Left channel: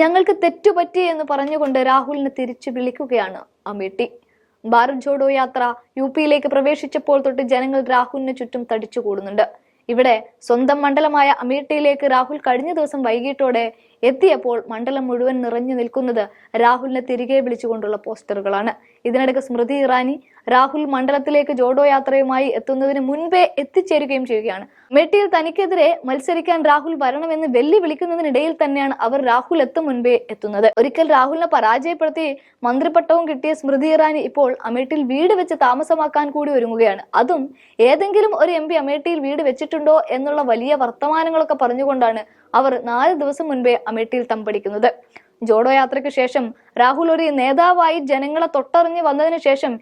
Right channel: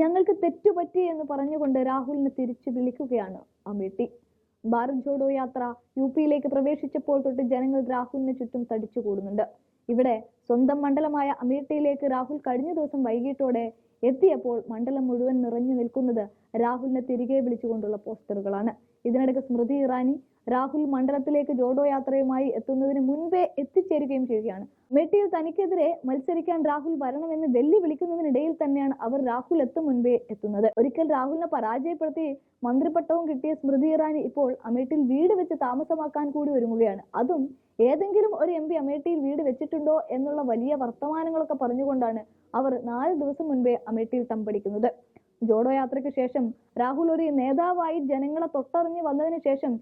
ഞങ്ങൾക്ക് തെറ്റുപറ്റി എന്ന് പറഞ്ഞുകൊണ്ട് രാഹുലിനെ തിരിച്ചു വിളിക്കുകയാണ് അമേട്ടി. ഭാരത് ജോഡോ യാത്ര യു പിയിലേക്ക് പ്രവേശിച്ചപ്പോൾ തൊട്ട് ജനങ്ങൾ രാഹുലിന് ചുറ്റും തടിച്ചു കൂടുന്നുണ്ട്. ഇവിടെ സ്വന്തം മണ്ഡലമായ അമേഠിയിലേക്ക് രാഹുൽ കഴിഞ്ഞ ദിവസം വൈകിട്ടോടെ എത്തിയപ്പോൾ മണ്ഡലം മുഴുവൻ നിറഞ്ഞു നിൽക്കുന്നത് രാഹുലിനെ തിരികെ വിളിച്ചുകൊണ്ടുള്ള പോസ്റ്ററുകളാണ്. ഇതിനിടയ്ക്ക് സ്മൃതി ഇറാനി രാഹുൽ മണ്ഡലത്തിലേക്ക് ജോഡോ യാത്രയുമായി എത്തുന്നതിന് മുൻപേ എത്തിച്ചേരുകയും ചെയ്യുകയാണ്. മെട്ടിയിൽ തനിക്കെതിരെ മത്സരിക്കാൻ രാഹുൽ വരണമെന്ന് വെല്ലുവിളിക്കുന്നതിനിടയിൽ തന്നെയാണ് അവർ രാഹുൽ എത്തും മുൻപേ എത്തുന്നത്. ഒരിക്കൽ രാഹുലിനെ പരാജയപ്പെടുത്തി മന്ത്രിപ്പട്ടവും കിട്ടിയ സ്മൃതി ഇറാനി ഇപ്പോൾ അമേഠിയിൽ വീട് വെച്ച് താമസമാക്കാൻ കൂടി ഒരുങ്ങുകയാണ്. അതും ഏതെങ്കിലും ഒരു എം പി വീട് വെച്ചിട്ടുണ്ടോ എന്നുള്ള വലിയ വർത്തമാനങ്ങളൊക്കെ പറഞ്ഞുകൊണ്ടാണ് അവർ നാല് ദിവസം മുൻപേ അമേഠിയിൽ തമ്പടിക്കുന്നത്. ജോഡോ യാത്രയ്ക്ക് ശേഷം രാഹുൽ ഒരു നേതാവായി ജനങ്ങളെ തൊട്ടറിഞ്ഞ് വന്നതിന് ശേഷം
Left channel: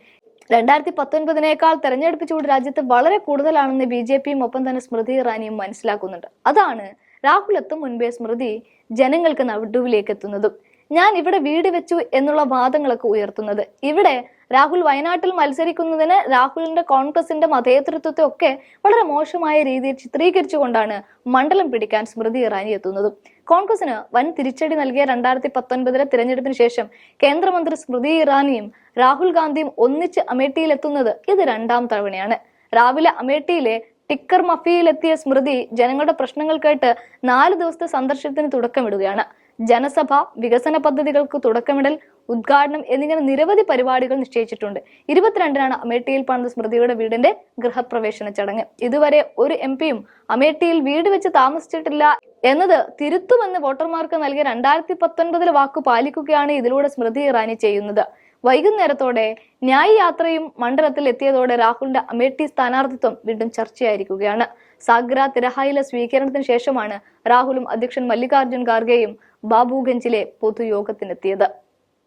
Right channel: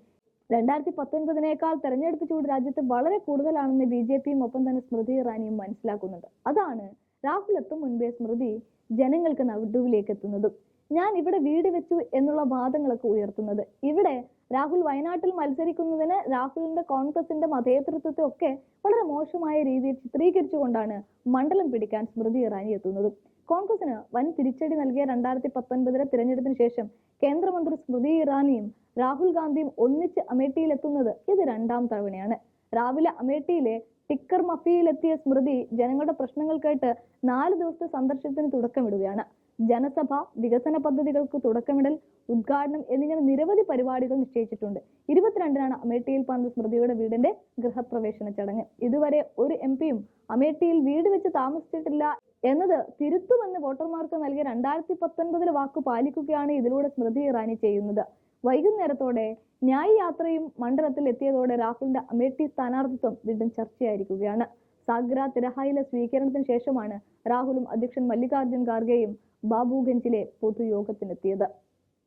രണ്ടായിരത്തി പത്തൊൻപതിനേക്കാൾ തെരഞ്ഞെടുപ്പ് ചൂട് രാജ്യത്ത് വളരെ കൂടുതലാണെന്ന് ബി ജെ പിയും ഒപ്പം തന്നെ സ്മൃതി ഇറാനിയും മനസ്സിലാക്കുന്നുണ്ട്. അതാണ് രാഹുൽ എത്തും മുൻപേ സ്മൃതി ജനങ്ങൾക്ക് നടുവിലേക്ക് എത്തുന്നതും. ഞാൻ ഇവിടെ വീട് വെച്ചു എന്നുള്ള വാദങ്ങളൊക്കെ ഉയർത്തുന്നത്. ഇവിടെ രാഹുൽ വയനാട്ടിൽ മത്സരിക്കുന്നതിന് രാഹുലിന്റെ കോൺഗ്രസിന്റെ മതേതൃത്വത്തെ ഒക്കെ വളരെ മോശമായ രീതിയിൽ ചിത്രീകരിച്ചുകൊണ്ടാണ് മണ്ഡലം പിടിക്കാൻ സ്മൃതി ഇറാനി എത്തുന്നത്. കോൺഗ്രസിന് വൻ തിരിച്ചടി നൽകിയ രണ്ടായിരത്തി പത്തൊൻപതിലെ തിരഞ്ഞെടുപ്പിന് ശേഷം കേന്ദ്രമന്ത്രി സ്മൃതി ഇറാനിയും രാഹുൽ ഗാന്ധിയും ഒന്നിച്ച് അമേഠിയിൽ എത്തുന്നത് ഇത് രണ്ടാം തവണയാണ്. രാവിലെ അമേഠിയിലെ ടിക്കർ മഫിയിലെത്തിയ സ്മൃതി ജനങ്ങളുടെ പ്രശ്നങ്ങൾ കേട്ട് നാല് ദിവസത്തെ സന്ദർശനത്തിന് തുടക്കമിടുകയാണ്. ജനസഭ വികസന പദ്ധതികൾക്ക് തുടക്കമിടൽ ഉദ്ഘാടനം എന്നിങ്ങനെ നിരവധി പരിപാടികൾ നിശ്ചയിച്ചിട്ടുണ്ട്. ഇരുപത്തിരണ്ടിനാണ് അമേഠിയിൽ പണിത സ്മൃതിയുടെ വീടിന്റെ ഗൃഹപ്രവേശന ചടങ്ങ്. ഇതുവരെ ഒരു എം പിയും അമേഠിയിൽ വീട് വെച്ച് താമസിച്ചിട്ടില്ല എന്നത് തിരുത്തുമെന്ന് വോട്ടർമാർക്ക് നൽകിയ രണ്ടായിരത്തി പത്തൊൻപതിലെ വാക്ക് പാലിക്കുകയാണ് ഇതിലൂടെ സ്മൃതി ഇറാനി ചെയ്യുന്നത്. വൈകുന്നേരത്തോടെ ന്യായ് യാത്രയും മണ്ഡലത്തിൽ എത്തിയതോടെ രാഹുലിന്റെ അമേഠി സ്ഥാനാർത്ഥിത്വം വീണ്ടും ചർച്ചയായിരിക്കുകയാണ്. സാഗ്ര തിരഹായിലെ സ്വീകരണത്തിന് ശേഷമാണ് രാഹുലും അധ്യക്ഷൻ മല്ലികാർജുൻ ഖാർഗെയും ബാബുഗഞ്ചിലെ പൊതുയോഗത്തിനെത്തിയത്.